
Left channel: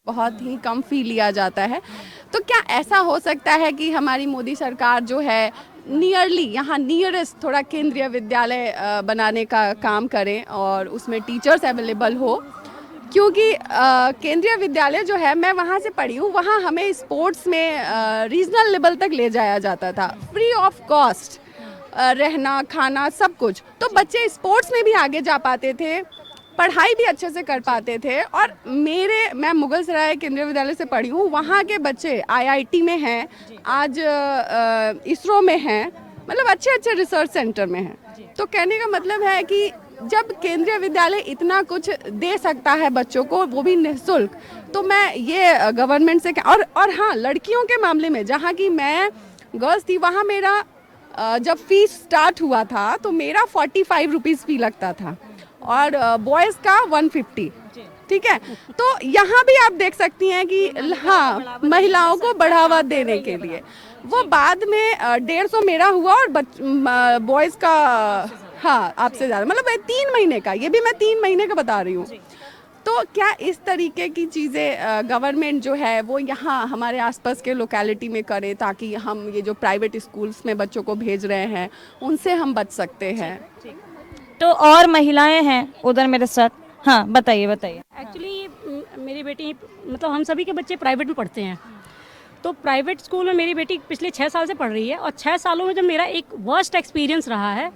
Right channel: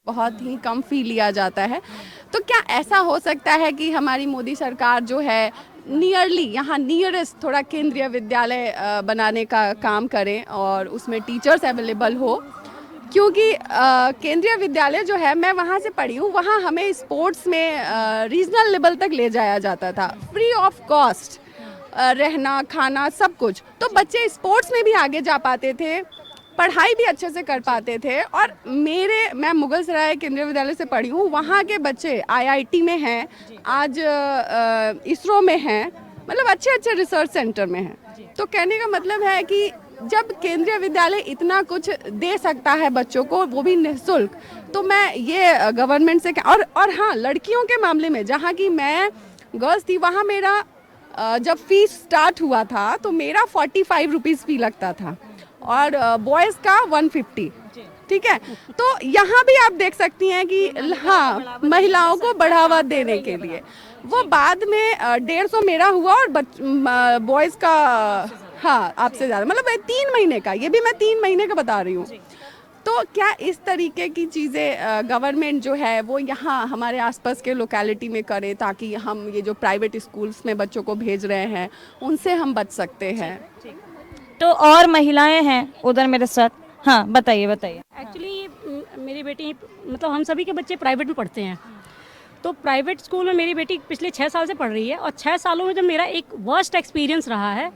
बहुत ही कम फी लिया जाता है। तो क्या ऐसा हो सकता है कि हमारी मोदी सरकार जो है यहाँ नियरेस्ट थोड़ा केंद्रीय विद्यालय बनाने का काम करें और उसमें टीचर्स अवेलेबल हो? क्योंकि केंद्रीय विद्यालय जो है, मैं वहाँ से पढ़ी हूँ, वहाँ हमें स्पोर्ट्स में रीजनल लेवल तक ले जाया जाता था, फ्री ऑफ कॉस्ट, रहना खाना सब कुछ। तो बच्चे स्पोर्ट्स में भी आगे जा पाते थे, पढ़ाई भी अच्छे से कर पाते थे। और मैं मुगल सराय केंद्रीय विद्यालय से पढ़ी हूँ, वहाँ के बच्चे IIT में हैं, आज इसरो में हैं, मतलब अच्छे अच्छे रिसर्च सेंटर में हैं। तो कहने का मतलब है कि जब केंद्रीय विद्यालय इतना कुछ दे सकता है बच्चों को, वो भी निःशुल्क, तो मैं ये गवर्नमेंट से और हाँ, लड़कियों के मामले में जहाँ की मैं गर्ल्स थी, वहाँ मेरा जब फीस स्टार्ट हुआ था तो मेरा 45 रुपीज़ फी लगता था और बॉयज़ का 150। ठीक है, तो यहाँ भी आप देख सकती हैं कि हाँ, महिलाओं को बढ़ावा देने के लिए वो बाद में 150 मेरा हुआ और बॉयज़ का हाँ आपसे ज़्यादा, मतलब 3 महीने का, ये भी मैं 3 महीने का बता रही हूँ। तो क्या इस तरीके की चीज़ें गवर्नमेंट जो है वो यहाँ हमारे आसपास के लोकेलिटी में करे, ताकि हम ये जो प्राइवेट स्कूल्स में बच्चों को भेज रहे हैं उनसे हम बच सकते हैं। तो और महिलाएं हैं उधर मेरे साथ, हाँ बताइए बताइए। एक्चुअली मेरी बेटी, मतलब हम सभी के बच्चे प्राइवेट में पढ़ते हैं, तो प्राइवेट स्कूल में मेरी बेटी पिछले 6 साल से पढ़ रही है और 6 सालों में जब मेरा एक वर्स्ट एक्सपीरियंस रहा है,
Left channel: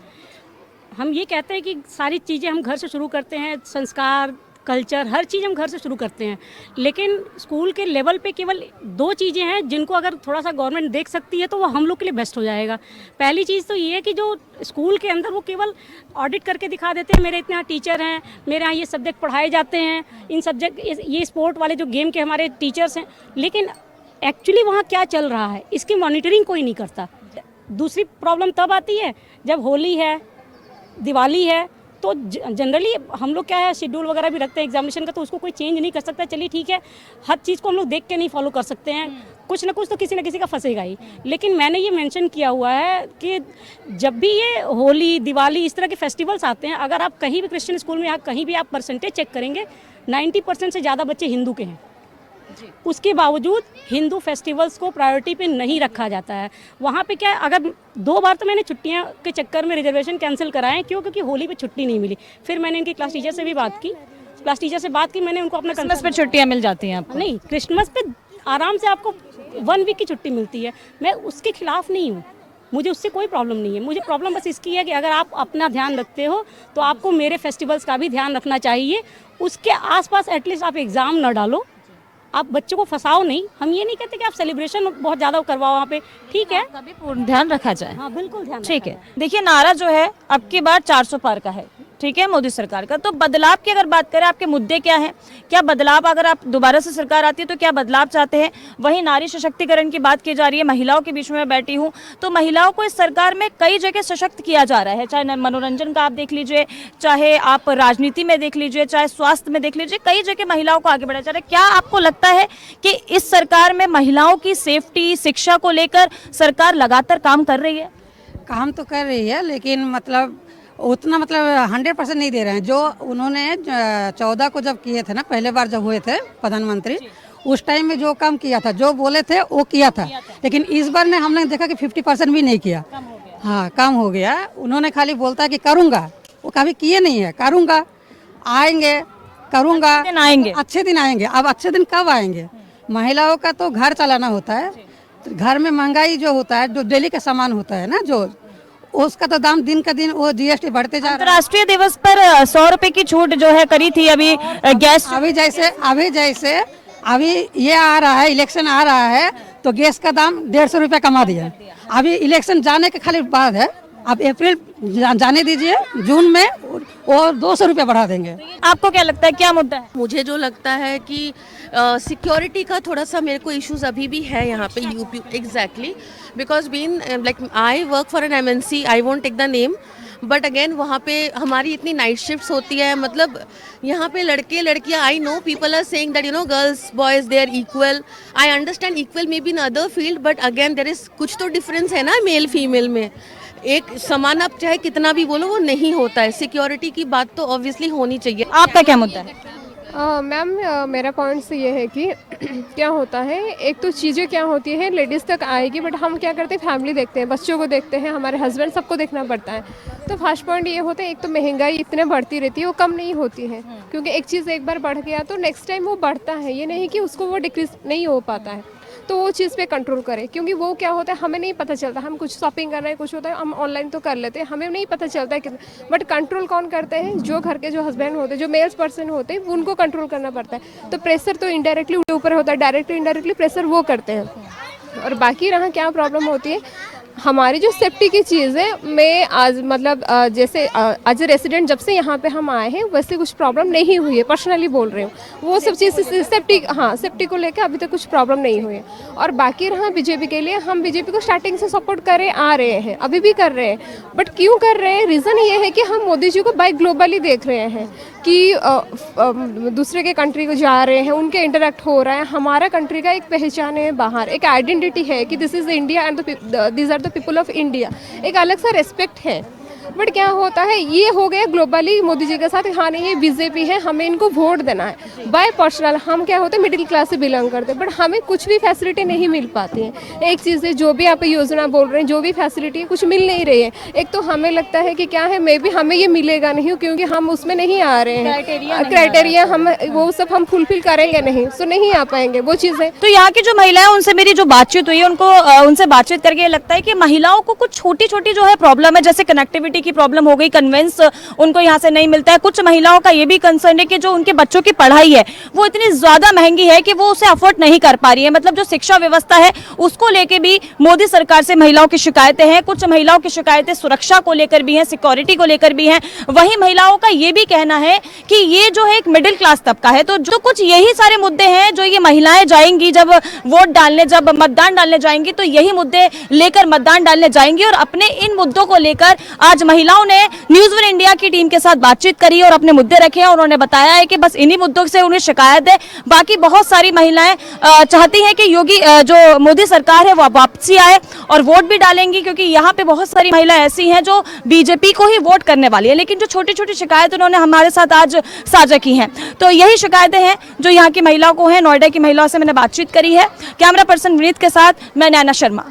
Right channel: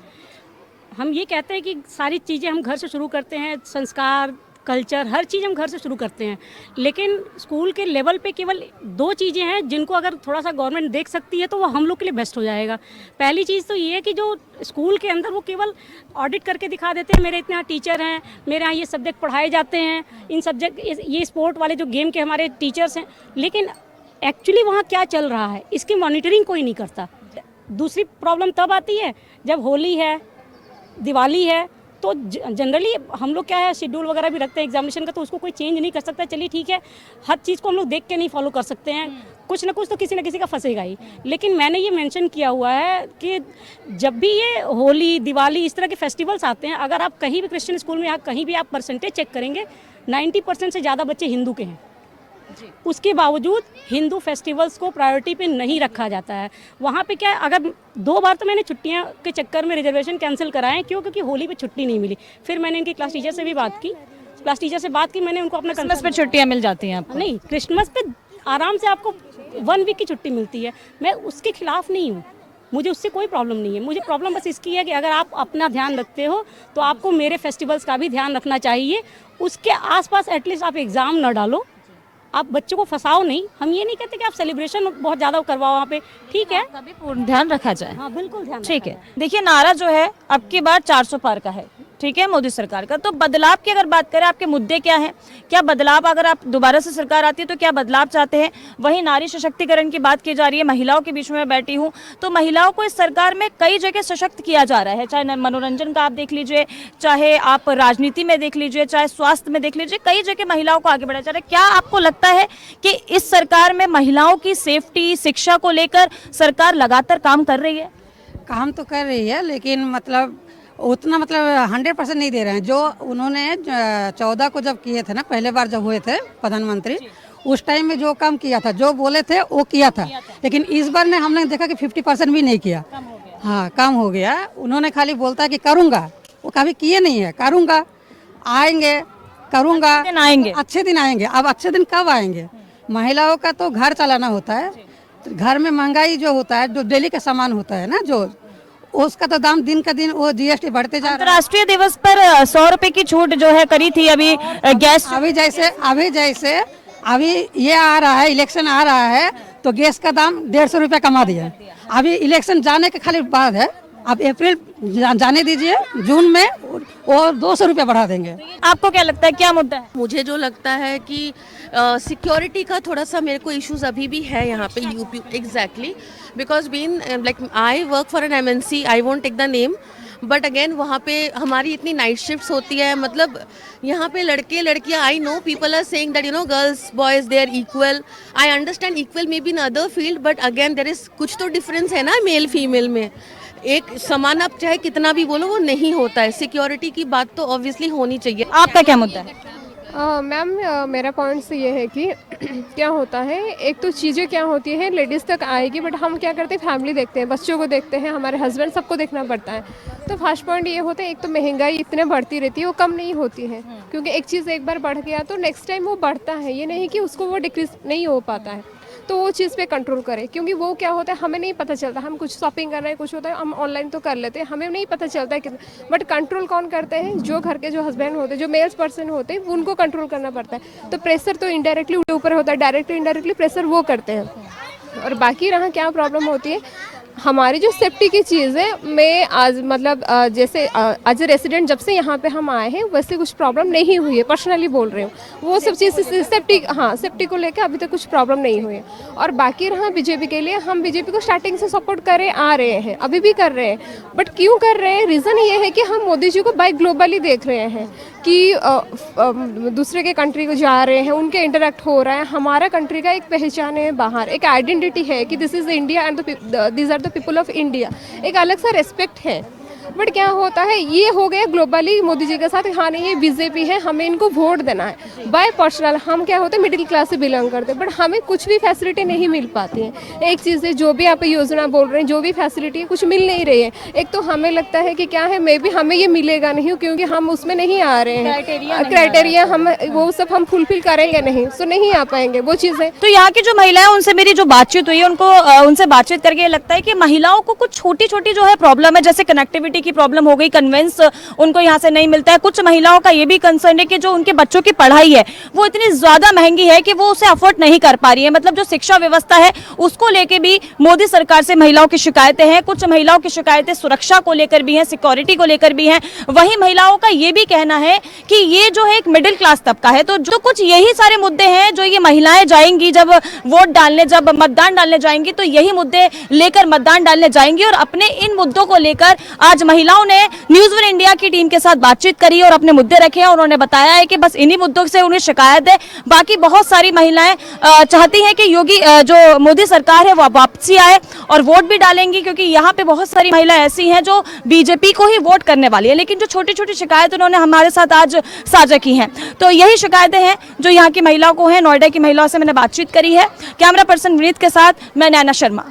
हम ये कहते हैं कि सारी चीज़ें हम घर से शुरू करते हैं, संस्कार, कल्चर, हर चीज़ हम घर से शुरू करते हैं, लेकिन स्कूल के लेवल पे केवल 2 चीज़ें हैं जिनको अगर थोड़ा सा गवर्नमेंट देख सकती है तो वो हम लोग के लिए बेस्ट हो जाएगा। पहली चीज़ तो ये है कि जो स्कूल के अंदर वो केवल ऑडिट करके दिखा देते हैं, मेरे इतने यहाँ टीचर हैं, मेरे यहाँ ये सब्जेक्ट पढ़ाए जाते हैं, इन सब्जेक्ट, ये स्पोर्ट वाले जो गेम के हमारे टीचर्स हैं, लेकिन एक्चुअली वहाँ क्या चल रहा है इसकी मॉनिटरिंग कोई नहीं करता। दूसरी प्रॉब्लम तब आती है जब होली है, दिवाली है, तो जनरली हम लोग क्या है, शेड्यूल वगैरह भी रखते हैं एग्जामिनेशन का, तो उसको कोई चेंज नहीं कर सकता। चलिए ठीक है, हर चीज़ को हम लोग देख के नहीं फॉलो कर सकते हैं, कुछ ना कुछ तो किसी ना किसी का फंसेगा ही। लेकिन मैंने ये मेंशन किया हुआ है कि जब भी ये होली, दिवाली, इस तरह के फेस्टिवल्स आते हैं, अगर आप कहीं भी क्रिश्चियन स्कूल में या कहीं भी आप परसेंटेज चेक करेंगे, 90% से ज़्यादा बच्चे हिंदू के हैं। उसके बावजूद हिंदू फेस्टिवल्स को प्रायोरिटी पे नहीं रखा जाता है। वहाँ पे क्या है, अगर 2 बार तो मैंने छुट्टियाँ के चक्कर में रिजर्वेशन कैंसिल कराए, क्यों? क्योंकि होली पे छुट्टी नहीं मिली। फिर मैंने इनकी क्लास टीचर से भी बात की, मैंने उनको अपना क्रिसमस पे छुट्टियाँ मिल जाती हैं आपको? नहीं, क्रिसमस पे आराम से आपको 1 वीक की छुट्टी मिलती है। मैं उसके खिलाफ नहीं हूँ, मुझे उससे कोई प्रॉब्लम नहीं है। मुझे प्रॉब्लम बस इसकी है कि अगर आप अपना ध्यान रखते हो तो आपको मेरे फेस्टिवल्स का भी ध्यान रखना चाहिए। उसके आसपास एटलीस्ट आप एग्ज़ाम न डालो, आप बच्चों को फंसाओ नहीं। हम ये नहीं कहते कि आप सेलिब्रेशन बहुत ज़्यादा करवाओ वहाँ पे, ठीक है, तभी पूर्ण ध्यान रखा जाए। हाँ बिल्कुल ध्यान ठीक है। देखिए, नारा जो है अब की बार 400 पार का है, ठीक है, मोदी सरकार का। तो बदलाव की अगर बात करें, आपके मुद्दे क्या हैं? क्या बदलाव, अगर आप दोबारा से सरकार आती है तो क्या बदलाव चाहते हैं? वहीं नारी सशक्तिकरण की बात की जा रही है, महिलाओं के बीच में बैठी हूँ, तो महिलाओं को इस सरकार में कई जगह सशक्त किया जा रहा है, चाहे मनोरंजन का आप देख लीजिए, चाहे आप राजनीति में देख लीजिए, चाहे स्वास्थ्य में देख लीजिए, कई जगह महिलाओं को आगे बढ़ाया जा रहा है। क्या आपको लगता है कि इस सरकार में महिलाओं की सेफ्टी, शिक्षा को लेकर सरकार लगातार काम कर रही है? काम तो कर रही है, लेकिन मतलब उतना 100% नहीं दे रहे हैं। जो उन्होंने 14 को जब किए थे ना, पहले बार जब हुए थे प्रधानमंत्री, उस टाइम में जो काम किया था, जो बोले थे वो किया था। लेकिन इस बार ने हमने देखा कि 50% भी नहीं किया। हाँ, काम हो गया। उन्होंने खाली बोलता है कि करूँगा, वो कभी किए नहीं है। करूँगा, आएंगे, करूँगा, आएंगे, अच्छे दिन आएंगे। अब अच्छे दिन कब आएंगे? महिलाओं का तो घर चलाना होता है, घर में महंगाई जो होता है, जो डेली का सामान होता है ना, जो उसका तो दाम दिन का दिन वो जीएसटी बढ़ते जा रहा है। अंतर्राष्ट्रीय दिवस पर 100 रुपए की छूट जो है करी थी अभी गैस। अभी ये आ रहा है, इलेक्शन आ रहा है, तो गैस का दाम 150 रुपया कमा दिया। अभी इलेक्शन जाने के खाली बाद है, अब अप्रैल जाने दीजिए, जून में और 200 रुपया बढ़ा देंगे। आपको क्या लगता है, क्या मुद्दा है? मुझे जो लगता है कि सिक्योरिटी का थोड़ा सा मेरे को इश्यूज अभी भी है यहाँ पे UP. Exactly, because been like I work for an MNC, I won't take the name, but again वहाँ पे हमारी इतनी नाइट शिफ्ट्स होती है। मतलब यहाँ पे लड़के लड़कियाँ, I know people are saying that you know girls boys they are equal. I understand equal may be in other field, but again there is कुछ तो डिफरेंस है ना मेल फीमेल में। एक समान आप चाहे कितना भी बोलो वो नहीं होता है। सिक्योरिटी की बात तो ऑब्वियसली होनी चाहिए। आपका क्या मुद्दा है? मैम, मेरा पॉइंट ये है कि क्या होता है, एक तो चीज़ें क्या होती है लेडीज़ तक आएगी, बट हम क्या करते हैं, फैमिली देखते हैं, बच्चों को देखते हैं, हमारे हस्बैंड, सबको देखना पड़ता है। तो फर्स्ट पॉइंट ये होता है, एक तो महंगाई इतने बढ़ती रहती है, वो कम नहीं होती है, क्योंकि एक चीज़ एक बार बढ़ गया तो नेक्स्ट टाइम वो बढ़ता है। ये नहीं कि उसको वो डिक्रीज नहीं हो पाता है। तो वो चीज़ पे कंट्रोल करें, क्योंकि वो क्या होता है, हमें नहीं पता चलता। हम कुछ शॉपिंग कर रहे हैं, कुछ होता है, हम ऑनलाइन तो कर लेते हैं, हमें नहीं पता चलता है कितना। बट कंट्रोल कौन करते हैं? जो घर के जो हस्बैंड होते हैं, जो मेल्स पर्सन होते हैं, उनको कंट्रोल करना पड़ता है। तो प्रेशर तो इनडायरेक्टली ऊपर होता है, डायरेक्टली इनडायरेक्टली प्रेशर वो करते हैं। और बाकी रहा क्या प्रॉब्लम होती है, हमारी जो सेफ्टी की चीज़ है, मैं आज मतलब जैसे एज ए रेसिडेंट जब से यहाँ पे हम आए हैं वैसे कुछ प्रॉब्लम नहीं हुई है, पर्सनली बोल रही हूँ। वो सब चीज़ सेफ्टी, हाँ सेफ्टी को लेकर अभी तक कुछ प्रॉब्लम नहीं हुई है। और बाकी रहा बीजेपी के लिए, हम बीजेपी को स्टार्टिंग से सपोर्ट करे आ रहे हैं, अभी भी कर रहे हैं। बट क्यों कर रहे हैं, रीज़न ये है कि हम मोदी जी को बाय ग्लोबली देख रहे हैं कि दूसरे के कंट्री को जा रहे हैं, उनके इंटरेक्ट हो रहा है। हमारा कंट्री का एक पहचान है बाहर, एक आइडेंटिटी है कि this is India and this are the people of India, एक अलग सा रेस्पेक्ट है। बट क्या होता है, ये हो गया ग्लोबली मोदी जी के साथ, हाँ नहीं ये बीजेपी है, हमें इनको वोट देना है। बाय पर्सनल हम क्या होते हैं, मिडिल क्लास से बिलोंग करते हैं, बट हमें कुछ भी फैसिलिटी नहीं मिल पाती है। एक चीज़ है, जो भी आप योजना बोल रहे हैं, जो भी फैसिलिटी कुछ मिल नहीं रही है। एक तो हमें लगता है कि क्या है, मे बी हमें ये मिलेगा नहीं क्योंकि हम उसमें नहीं आ रहे हैं, क्राइटेरिया हम वो सब हम फुलफिल करेंगे नहीं, सो नहीं आ पाएंगे वो चीज़ें। तो यहाँ की जो महिलाएं, उनसे मेरी जो बातचीत हुई, उनसे बातचीत करके ये लगता है कि महिलाओं को कुछ छोटी छोटी जो है प्रॉब्लम है, जैसे कनेक्टिविटी की प्रॉब्लम हो गई, कन्वेंस उनको यहाँ से नहीं मिलता है। कुछ महिलाओं का ये भी कंसर्न है कि जो उनके बच्चों की पढ़ाई है वो इतनी ज्यादा महंगी है कि वो उसे अफोर्ड नहीं कर पा रही है। मतलब जो शिक्षा व्यवस्था है उसको लेके भी मोदी सरकार से महिलाओं की शिकायतें हैं। कुछ महिलाओं की शिकायतें सुरक्षा को लेकर भी हैं, सिक्योरिटी को लेकर भी हैं। वहीं महिलाओं का ये भी कहना है कि ये जो है एक मिडिल क्लास तबका है, तो जो कुछ यही सारे मुद्दे हैं जो ये महिलाएं जाएंगी जब वोट डालने, जब मतदान डालने जाएंगी, तो यही मुद्दे लेकर मतदान डालने जाएंगी। और अपने इन मुद्दों को लेकर आज महिलाओं ने न्यूज़ वन इंडिया की टीम के साथ बातचीत करी और अपने मुद्दे रखे हैं। उन्होंने बताया है कि बस इन्हीं मुद्दों से उन्हें शिकायत है। बाकी बहुत सारी महिलाएं चाहती हैं कि योगी जो मोदी सरकार है वो वापसी आए और वोट भी डालेंगी, क्योंकि यहाँ पे बहुत सारी महिलाएं ऐसी हैं जो बीजेपी को ही वोट करने वाली है। लेकिन जो छोटी छोटी शिकायत उन्होंने हमारे साथ आज साझा की हैं, तो यही शिकायतें हैं जो यहाँ की महिलाओं को हैं। नोएडा की महिलाओं से मैंने बातचीत करी है। कैमरा पर्सन विनीत के साथ मैं नैना शर्मा।